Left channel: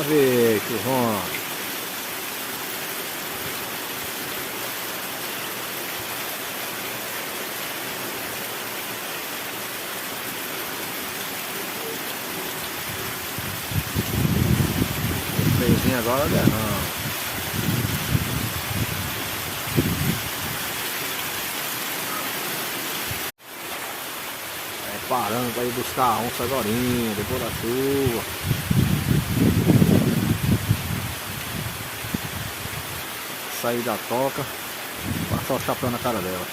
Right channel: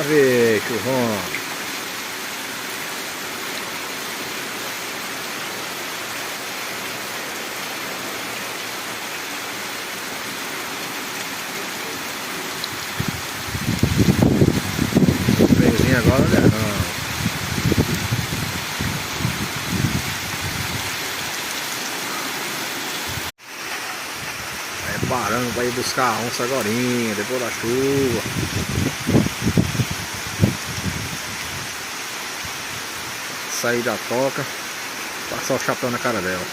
Bora ver, churrão. O trenzinho agora não. Parando para ir buscar a onça agora, depois da chuva. Sair da toca, passar o chapéu na cara dela.